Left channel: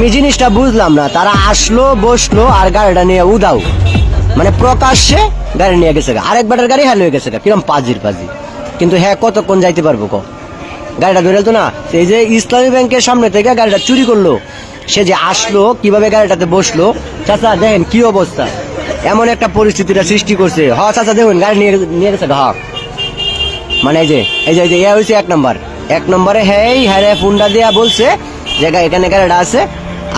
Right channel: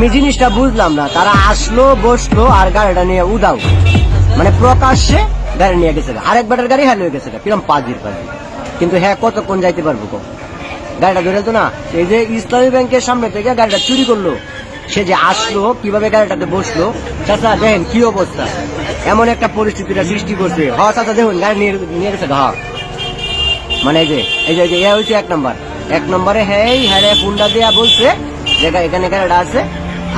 আমি জিনিসটা বুঝলাম না, তারা আসলো বসলো আর গাড়িটা নিয়ে উদাও, মানে প্রকাশ্যে গাড়ি নিয়ে গেছে, আরেকবারের গাড়ি হ্যাঁ নিয়ে গেছে, কিরম পাজির পাজি। কিন্তু হ্যাঁ কতক্ষণ যাইতে পারবো গাড়িটা ধরে তো না, এই যে ইসলামী ব্যাংকের সামনে থেকে গাড়িটা চুরি করলো, সে যে আসলো কিভাবে গাড়িটাতে বসলো, চাচা দেখেন কি অবস্থা, এমন একটা পরিস্থিতিটা সৃষ্টি করছে। হ্যাঁ চাচা দেখুন গাড়ি নিয়ে গেছে হ্যাঁ, মানে এই যে ইয়া হয়েছে 1 নম্বর, 1 নম্বরে হ্যাঁ ফোনটা দিয়া বলছে যে এখানে গাড়িটা আছে,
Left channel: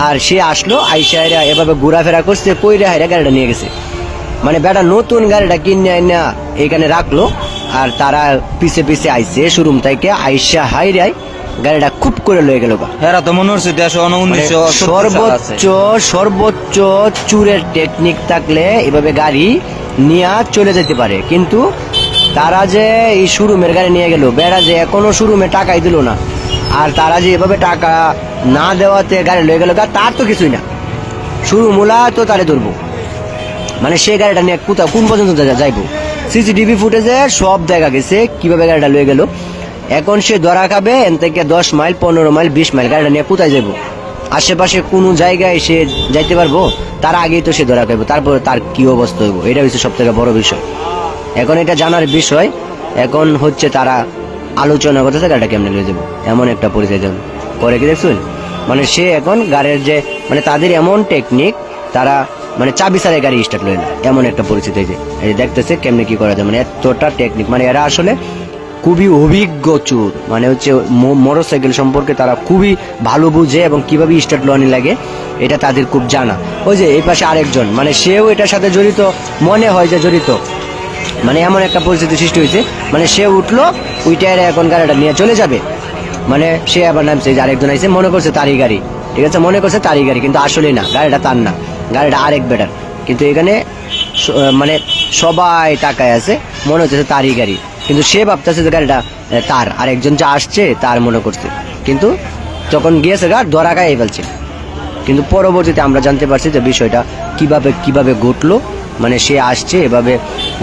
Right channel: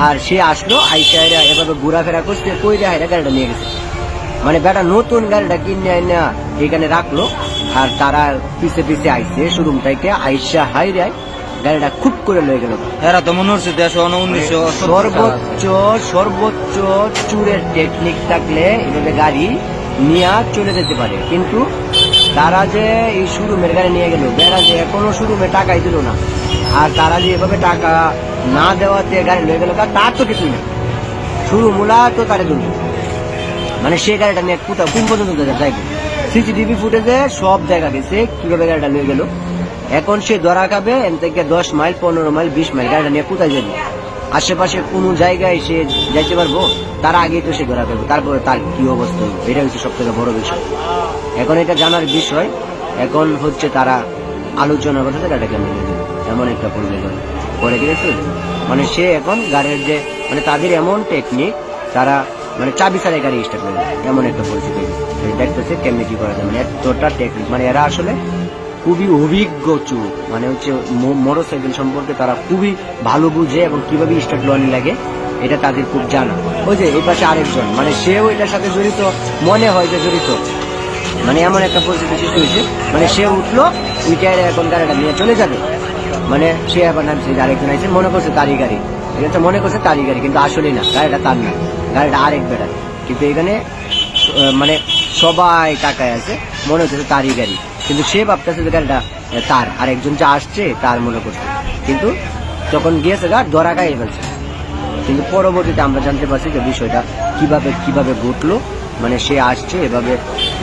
আর সে আসলো আইসা এভাবে ঘোরাফেরা করছে, কইরা হাইরা গাড়িটা নিয়ে গেছে। মানে বেটা নতুন গাড়িটা কিনে না এখানে রাখলো, আর তারা পিছে পিছে আইছে শোরুম থেকে, আইসা হাইরাই গাড়িটা খুব করে লয়ে গেল। এরা তো মনে হচ্ছে 1919 সর্বোচ্চ চুরের টেকনিক থাকলে এভাবে গাড়ি নিয়ে চলে যেতে পারে, কিন্তু তারা যে এই শোরুমের গাড়ি নিয়ে গেল, বেড়া যে এখনো শোরুমে টাকাই দিল না, আর তারা যে এভাবে টাকা না দেওয়াতে গাড়ি লয়ে গেল, তার তো কিছুই না, শোরুমওয়ালা তো তারে ধরবো। মানে সে গাড়িটা নিয়ে কোথাও কোন পর্যন্ত যাইবো, সিসিটিভি ফুটেজে সব দেখা গেছে কিভাবে গাড়িটা লয়ে গেল। এখন সে ধরা খাবে এন থেকে 10 মাইল 15 মাইল 20 মাইল, গাড়িটা নিয়ে কোথায় যাবো, আশেপাশে কোনো জায়গায় সে যাইতে পারবো, তার আগেই তো সে ধরা পাবো, তারপর তার কি অবস্থা হইব, এটা হচ্ছে সব থেকে বড় বিষয়। এখন এটা জানার বিষয়, এখন হচ্ছে তারা আলোচনা করতেছে গাড়িটা কেমন নিয়ে যাবো, এমন একটা পরিচয় করে কি দেখছেন। মানে সে এখন গাড়ির যে মানে তাদের এমন টেকনিক, তারা মানে চাবি ছাড়াই গাড়ি স্টার্ট লয় না, এমন একটা পরিস্থিতি। এই যে দেখতেছে কেমনে কি করা যায়, মানে এতটা টেকনিক, মানে এরা আসলে খুবই অভিজ্ঞ চোর, মানে হচ্ছে মোটরসাইকেল সম্পর্কে তারা খুবই ভালো বুঝে এবং কিভাবে স্টার্ট লনি লাগে এটা তাদের খুব জানা। ওই যে এই পাশে আরেকজন, মানে সেও এটার সাথে জড়িত, মনে হয় যে জড়িত, মানে এমন একটা পরিস্থিতি সৃষ্টি হয়েছে, মানে সে উঠলো উইটারে এখন গাড়িটা নিয়ে চলে যাবে, মানে সে আবার নামছে, যে আরেকজন আইসে মনে করছে তারই গাড়ি, ঠিক আছে মনে করছে তারই গাড়ি, কিন্তু আসলে না, গাড়িটা তার না, গাড়িটা আরেক বেটার, কিন্তু এখানে মানে সবাই টাকায় আছে, মনে হচ্ছে তারই গাড়ি, কিন্তু সে ভাবতেছে যে গাড়িটা তার, আরেকজন যা আসছে তার মনে করছে, কিন্তু যখন গিয়েছে গা ধরা গায়ে ফেলছে। কিন্তু পরবর্তীতে আমরা জানতে পারছি যে বিষয়টা কিভাবে ঘটলো, মানে সে আসছে এভাবে,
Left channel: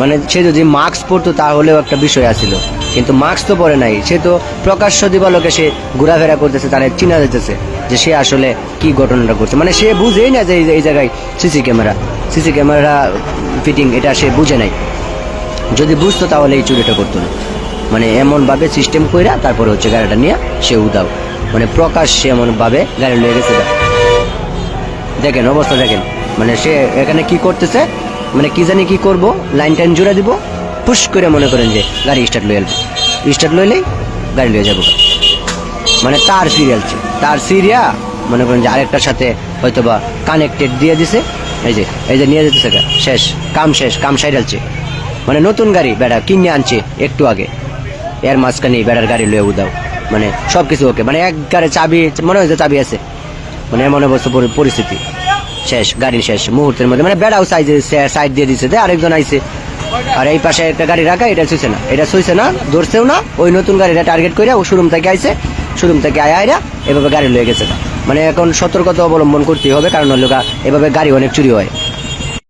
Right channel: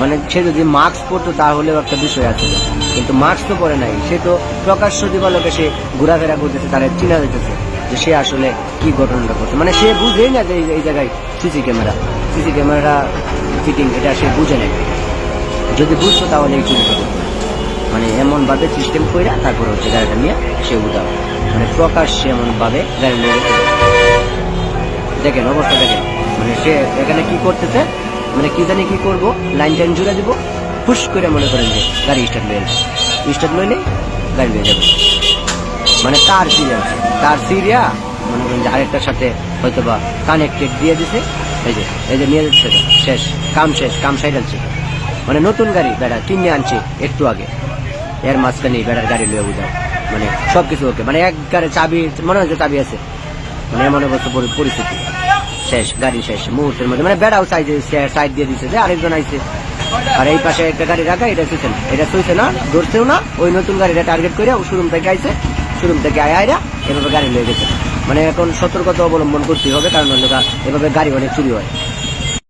মানে সে যদি মাস্ক পরতো তাহলেও একটা বিষয় আছিল, কিন্তু মাস্ক তো পরে নাই, সে তো প্রকাশ্য দিবালোকে সে ঘোরাফেরা করতেছে, তারা চিনা যেতেছে যে সে আসলে কি ঘটনাটা করছে, মানে সে বুঝেই না যে এই জায়গায় সিসি ক্যামেরা ফিটিং, এটা সে বুঝে নাই, যদি বুঝতো তাহলে এই চুরিটা করতো না। মানে এমন ভাবে সিস্টেম কইরা তারপরে হচ্ছে গাড়িটা নিয়ে সে উদাও, মানে প্রকাশ্যে এমন ভাবে গাড়ি নিয়ে গেছে। দেখেন অবস্থা দেখেন, মানে সে এখানে কি করতেছে, মানে কি জানি কি করবো, লাইন টাইন জুড়ে দিব, পুশ করে মনে করেন যে গাড়ি স্টার্ট লইলেই গাড়ি লয়ে যাবো, মানে তার সিরিয়া মনে করেন যে আরেকটার সাথে হয়তো বা কানেক্টেড দিয়ে দিছে, এই যে নিয়ে যেতেছে, কাম সাইডালছে, মানে নতুন গাড়ি বেড়া কিনে আনছে একটু আগে, এর মাঝখানে বেড়ার গাড়ি লয়ে উদাও, মানে সবকিছু ওকে, মানে এক গাড়ি চাবি মনে হয়েছে চাবি আছে, মানে এমন অবস্থা পরিস্থিতি শেষ, গাড়ি শেষ মুহূর্তের মধ্যে, মানে বেড়াও সাইড দিয়ে দিচ্ছে, আরেকজন আইছে, আর এই পাশে একটা গাড়ি রাখা, এটা শুইছে না ধরছেও না, ওই নতুন গাড়িটা টার্গেট করে ও শোরুম থেকে আইছে, শোরুম থেকে আয়রা এভাবে গাড়ি লয়ে গেছে। মানে এখন সতর্কতা অবলম্বন করতে হবে, কারণ হলো এভাবে গাড়ি অনেক চুরি হয়।